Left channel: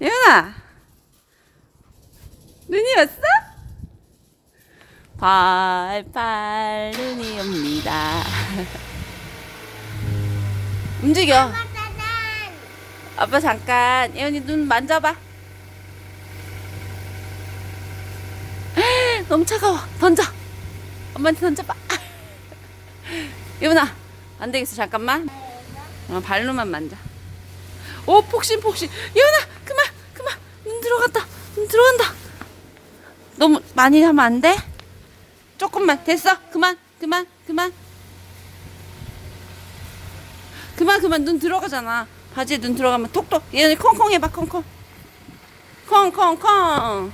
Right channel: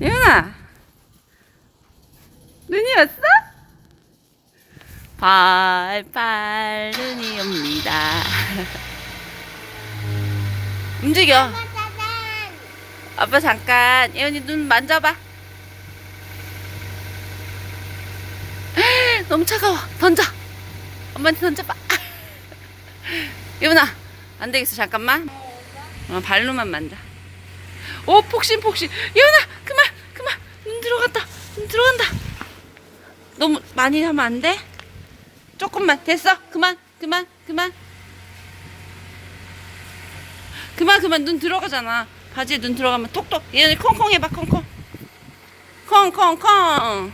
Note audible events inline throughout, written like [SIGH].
예은아! 눈이 왔어? 팔팔 눈이 옵니다. [LAUGHS] 움직여. 아빠 잠깐. 예은이 눈 만져봐. [LAUGHS] 너무 차가워. 던져. 엄마한테 던져봐. [LAUGHS] 예은아 안 되겠어. 잠깐만. 어, 발로만 만져. 오 폭신 폭신. 예은아 그만 그만 눈 들어갔다. 눈 들어간다. 너무 많이 하면 안 돼? 조금만. 됐어. 그만. 그만. 그만. 그만 그만. 눈 들어가잖아. 바지에 눈 들어가면 톡톡. 예은이 콩콩 해봐 콩콩. 콩콩콩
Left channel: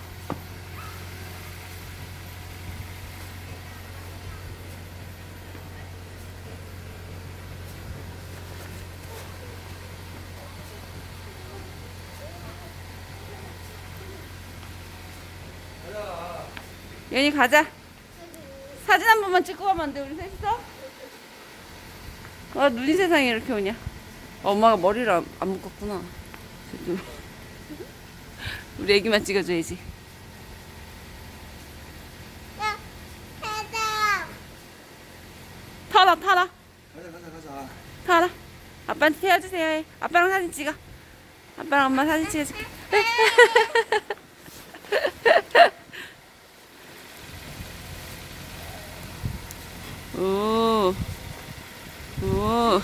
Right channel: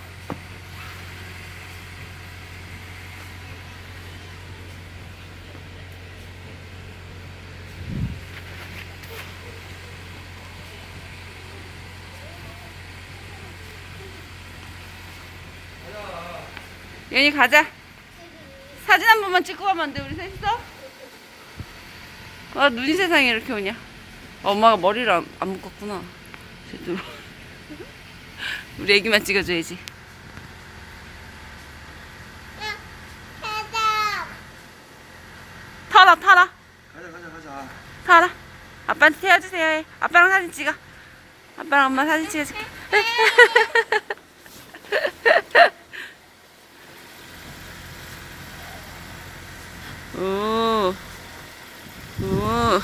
예은이 가자. 사진 한 번만 찍고 가면 안 돼 우리 셋이서? 아 눈이 세상에 이렇게 오냐. 엄마가 머리를 안, 안 묶었구나. 제대로. [LAUGHS] 우리 애기만 찍어줘야지. 타라 타라. 가자 가자 가자. 타라. 아빠한테 태워주세요. 해. 아빠랑 사진 찍어. 아빠랑 엄마 사진 찍어줄게 [LAUGHS] 오. 오.